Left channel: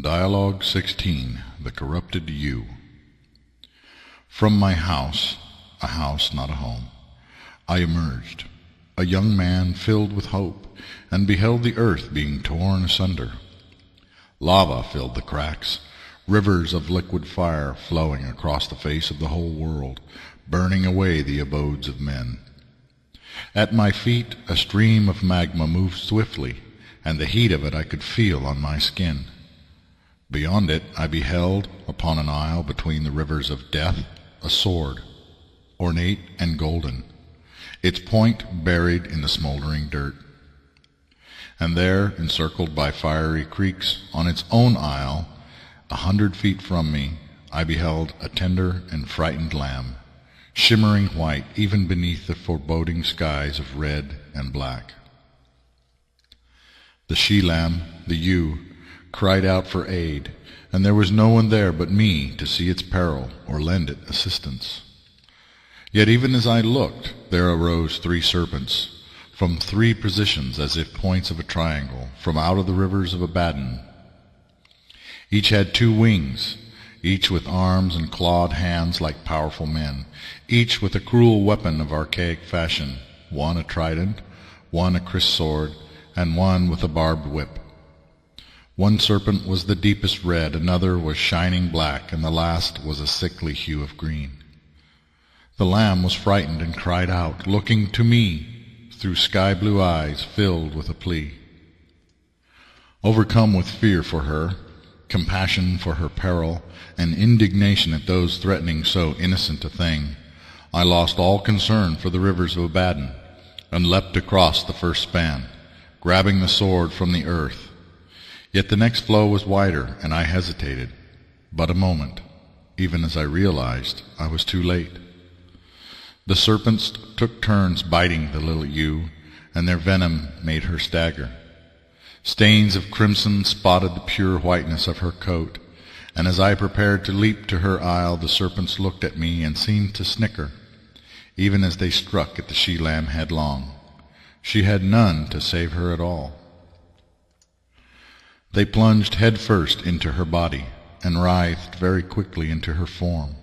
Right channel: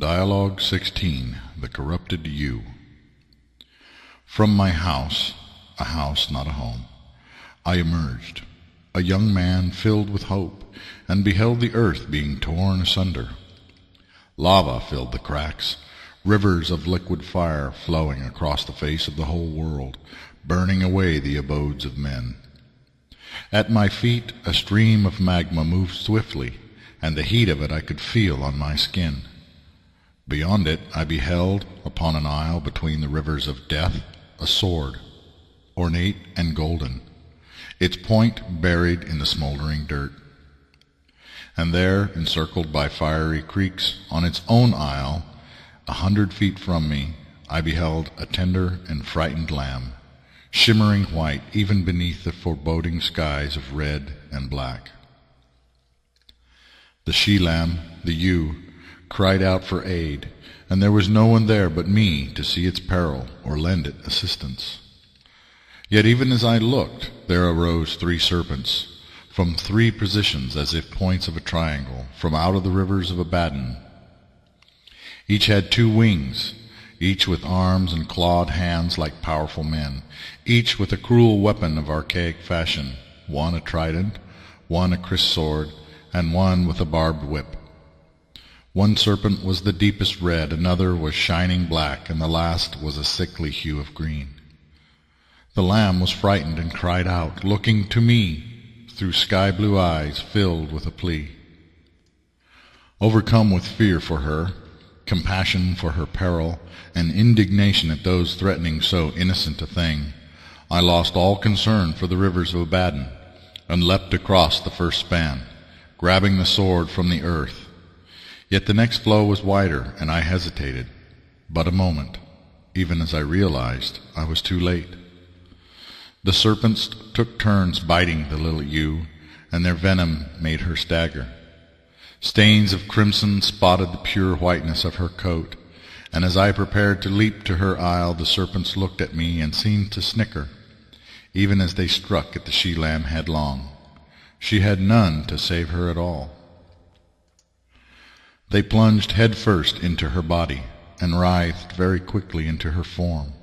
Dialogue 16. The Corrupted You. From my house, a house not a home, I emerged, a young man filled with hope, and beheld the earth being torn asunder. Lava filled the cracks, rivers of liquid fire flowing across the face of the whole world, burning away the abodes of men. At my feet a stream of magma moved swiftly, and the heat of it I could feel on my skin. Beyond it I beheld, upon an isle between the rivers of death, a sword, ornate and golden, its point buried in the smoldering dirt. And there, encircled by fiery creeks, on its own isle, 100 feet from me, I beheld a tender and frightened lamb, shimmering white even beneath the foreboding skies of red and black. The she-lamb, the ewe, cried out for aid, and there was no one there but me to see its peril or lend it assistance. Yet even as I looked, there arose 3 serpents, from 3 positions as if points of a triangle, from out of the rivers of Abaddon. Each had 2 wings, each with arms and clawed hands like powerful men, each with a cruel weapon of archaic fashion, one a trident, one a criss sword, and one with a barbed whip. One serpent was the deepest red, another was shining black, and the last was a sickly hue of green. The lamb was frightened and cried out, looking to me through sky-blue eyes filled with a plea. Overcome with fear for her, compassion for her peril, and indignation at those threatening so innocent a thing, I lost all concern for the rivers of Abaddon, and leapt across the first span, grabbing the sword from the earth. Yet the next flow was wider, and I hesitated, but a moment, even as I realized I was too late. The serpents took turns biting the little ewe, and their venom made her stagger. Stains of crimson spotted the pure whiteness of her coat, and as I prepared to leap to her isle, the serpents looked at me and seemed to snicker, even as they struck at the she-lamb headlong. She had none to save her at all. They plunged headfirst into her body, and writhed very quickly into her form.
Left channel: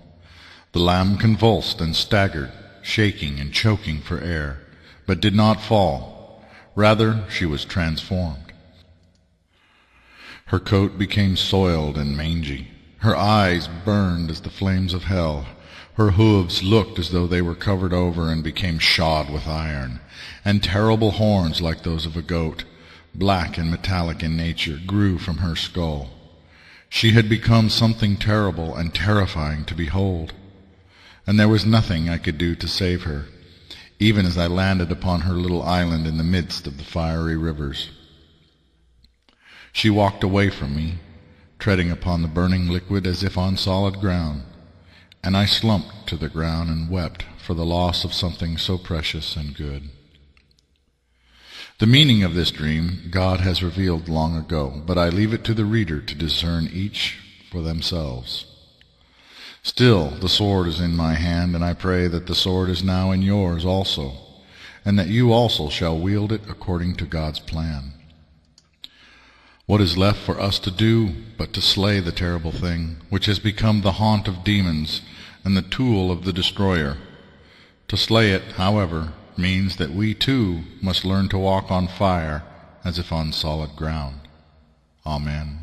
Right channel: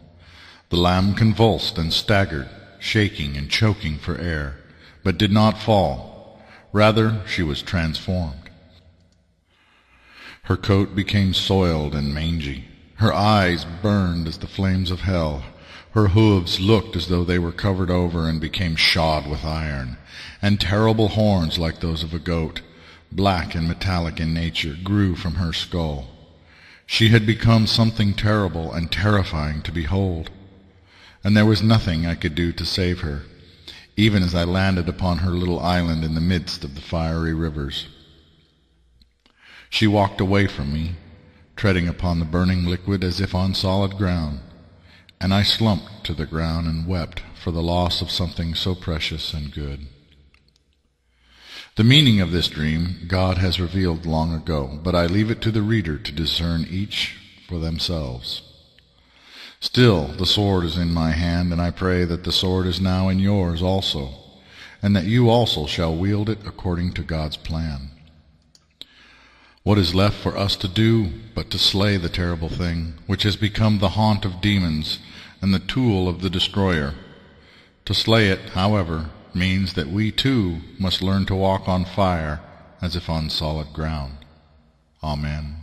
The lamb convulsed and staggered, shaking and choking for air, but did not fall. Rather, she was transformed. Her coat became soiled and mangy. Her eyes burned as the flames of hell. Her hooves looked as though they were covered over and became shod with iron, and terrible horns like those of a goat, black and metallic in nature, grew from her skull. She had become something terrible and terrifying to behold, and there was nothing I could do to save her, even as I landed upon her little island in the midst of the fiery rivers. She walked away from me, treading upon the burning liquid as if on solid ground, and I slumped to the ground and wept for the loss of something so precious and good. The meaning of this dream God has revealed long ago, but I leave it to the reader to discern each for themselves. Still, the sword is in my hand, and I pray that the sword is now in yours also, and that you also shall wield it according to God's plan. What is left for us to do but to slay the terrible thing, which has become the haunt of demons and the tool of the destroyer? To slay it, however, means that we too must learn to walk on fire as if on solid ground. Amen.